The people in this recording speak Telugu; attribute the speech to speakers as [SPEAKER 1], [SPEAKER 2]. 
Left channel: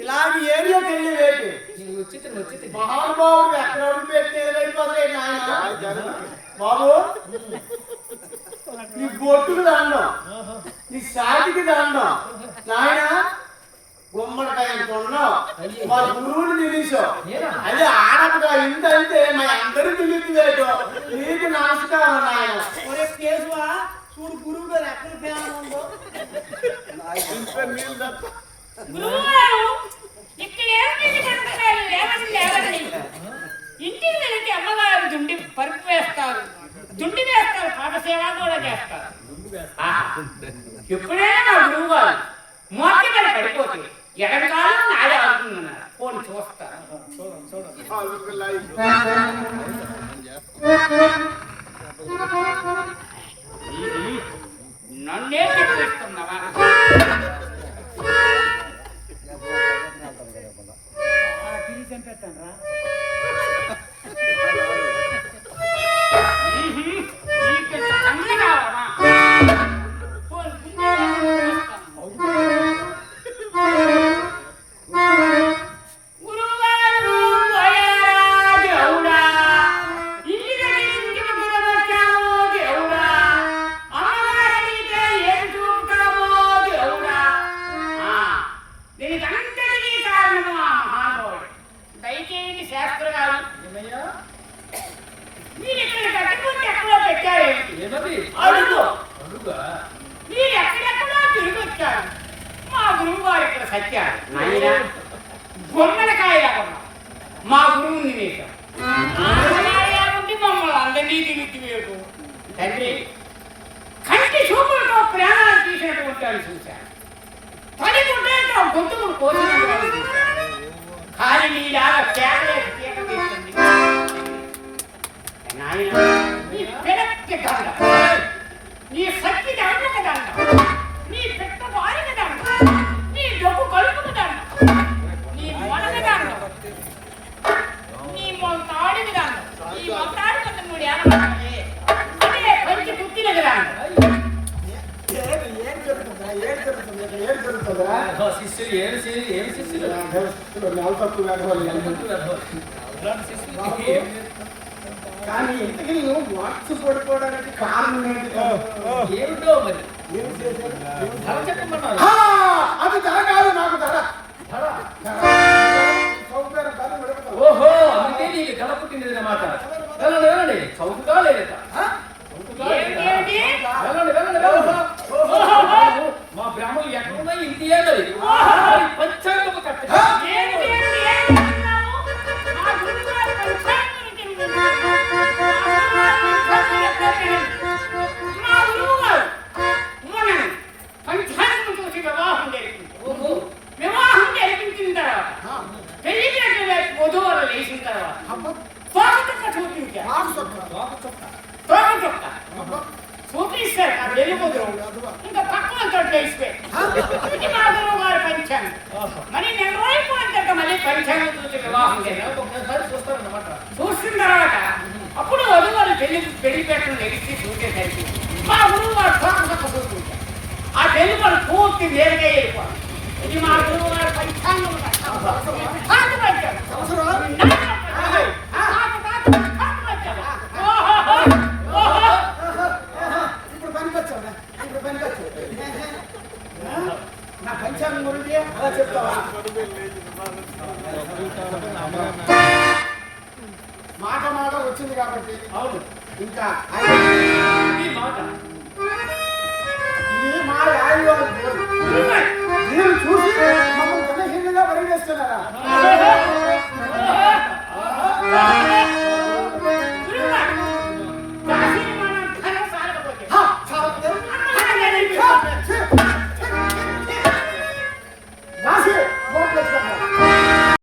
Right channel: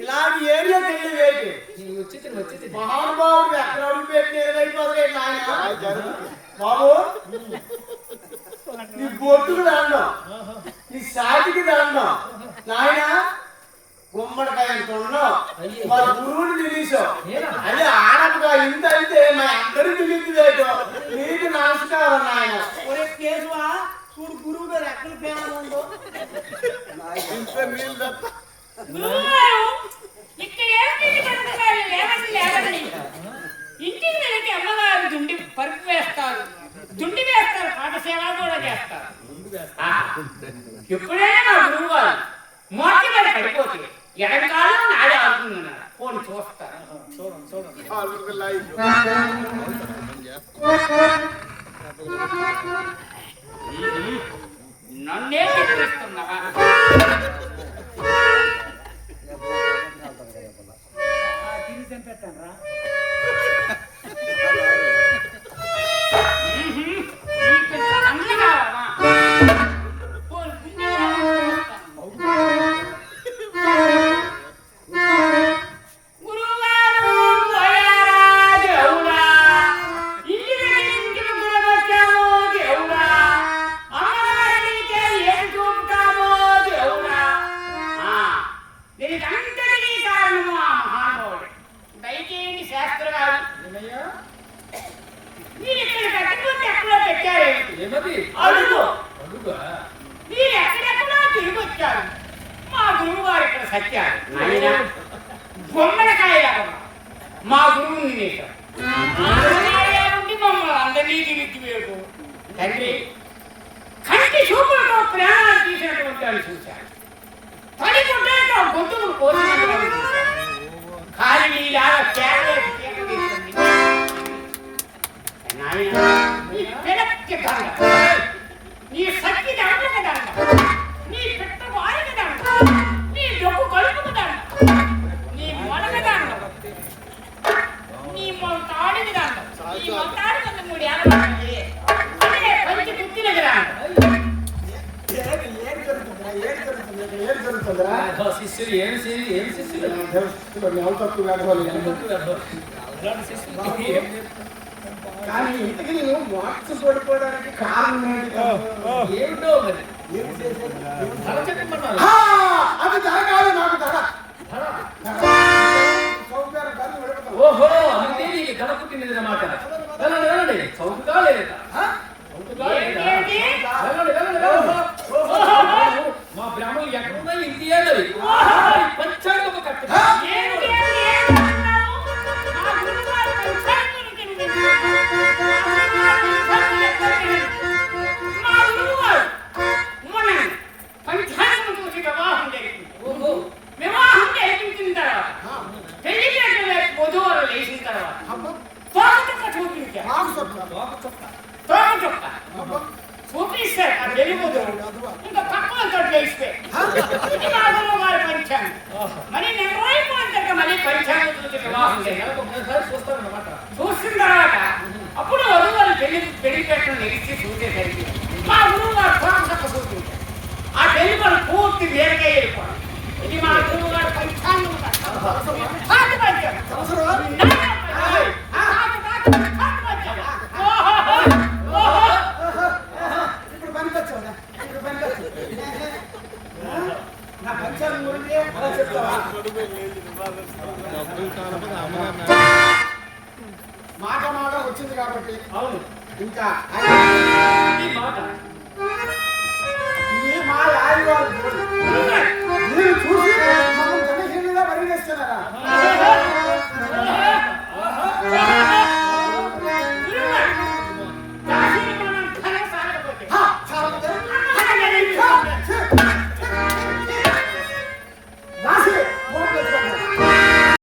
[SPEAKER 1] ఇలాంటి ఏరియా తెలియవేటి
[SPEAKER 2] మహానుభావుడు ఎక్కడ అడుగు పెట్టేది బాబు నీ బొట్టుకు దండం నీ సాటికి దండం. నాయన గుమ్మడికాయ ఎంత ఉన్నావు మా గురువుని తినేసావు అదే ఆడపగా ఇంత అయితే మా అందరూ తినేట్టు నీకు నమస్కారం నాయన. ఒరే కేసువా చూడు గురువు గారు ఎక్కడ పేరు ఉందో.
[SPEAKER 3] గురువుగారు ఇక్కడ ఏమిటి పడుతున్నారు లేవండి లేవండి అమ్మగారు దుండి పరుపు వేస్తారు దుండి వేస్తారు పాఠశాల కూడా చేస్తారు ఎప్పుడైనా మా గురువు గారు మోటి మీద పడిపోతే ఎక్కడి కాలం నాడే ఆడుతుందన్నారు పోని చూస్తారు నన్నే చెప్పిస్తున్నావా? నీకు చంపేస్తాను రా పోని గుండె దయచేయండి శాస్త్ర గారు మీరు ఇక్కడ కట్టుకుంటే ఎక్కడో పెట్టారేమిటి
[SPEAKER 1] ఏమది?
[SPEAKER 3] అడుగు.
[SPEAKER 1] అడుగా?
[SPEAKER 3] మీరు ఎక్కడెక్కడో తిరిగి వచ్చారు మా గురువు గారు ఇక్కడ సత్యారు బొమ్మలకాయ లేకుండా మా గురువుని ఉండి మమ్మల్ని అందరినీ తిరిగి వేయటం తండ్రి కంటి చూపులతో ప్రాణాలు తీసినటువంటి వాడిని చూశాను. పది గుడ్డలతో గొంతులు కోసినటువంటి காலடியிலாக
[SPEAKER 2] கேரளே கேட்க జరుగుతుంది ఇక్కడ జరుగుతుందా?
[SPEAKER 1] శిష్యులు ఏం ఏం శిష్యులు.
[SPEAKER 2] తక్కువ వేడవాలి కానీ ఇంతకీ నువ్వు మార్క్స్ పడిపోవడానికి కారణం ఏంటి?
[SPEAKER 1] ఏమిటో మరి?
[SPEAKER 2] అది ధర కాదు నాకు ధర.
[SPEAKER 1] ఓహో ధర పుట్టినది అన్నమాట. చౌకగా లేదా
[SPEAKER 2] ఆ?
[SPEAKER 1] చౌకగా లేదా
[SPEAKER 3] ఏంటి?
[SPEAKER 1] వెళ్ళండి వెళ్ళండి వెళ్ళండి ఓహో, మా బ్రాహ్మణులు ఎక్కడున్నా ఇంటియే మరి మరి పంచాంగము కట్ట
[SPEAKER 3] ఏంటి ఏంటి ఏంటి అంటున్నావు? మా గురువుగారు పంచాంగం తినిపించారు. మా గురువుగారు పంచాంగం చెప్పారు. మా గురువుగారు మనని పంచాంగం చూసి వివాహం జరిపింది
[SPEAKER 1] ఓహో
[SPEAKER 3] వివాహం జరిపించిన తర్వాత పెళ్ళి చేసిన వధువులు లేచిన తర్వాత
[SPEAKER 2] అబ్బా,
[SPEAKER 3] తోక చుక్క చూపించారు
[SPEAKER 2] మాకు చొక్కా.
[SPEAKER 1] లోక చొక్క
[SPEAKER 3] తోక చుక్క
[SPEAKER 2] అబ్బా,
[SPEAKER 3] చూపిస్తారు ఆ వెలుగు వధువు ఇంకా పక్కన తోటి లేచిపోయి ఇది గురువు గారి పంచాంగం. మరి నెల రోజులు పోయినాక మళ్ళీ పంచాంగం చూసి వివాహం తర్వాత అప్పుడు వధువారు పెళ్ళి పెళ్ళి పెట్టడం ఎగిసి చూసేసరికి మా గురువు గారు తోక చూసుకుంటారు ఆ పెళ్ళి పని పూర్తి వేరుగా వెళ్ళిపోవాలి ఇది మా గురువు గారు పంచాంగం. కాదు, కాదు, కాదు పంచాంగం. ఓహో, ఓహో.
[SPEAKER 2] ఇప్పుడు పనికొచ్చావురా ఇప్పుడు పనికొచ్చావు ఆ? నా పంచాంగం గురించి అలా చెప్తావా? మాట మాట వచ్చింది కాబట్టి
[SPEAKER 1] అవును.
[SPEAKER 2] ఇంకా
[SPEAKER 1] మాట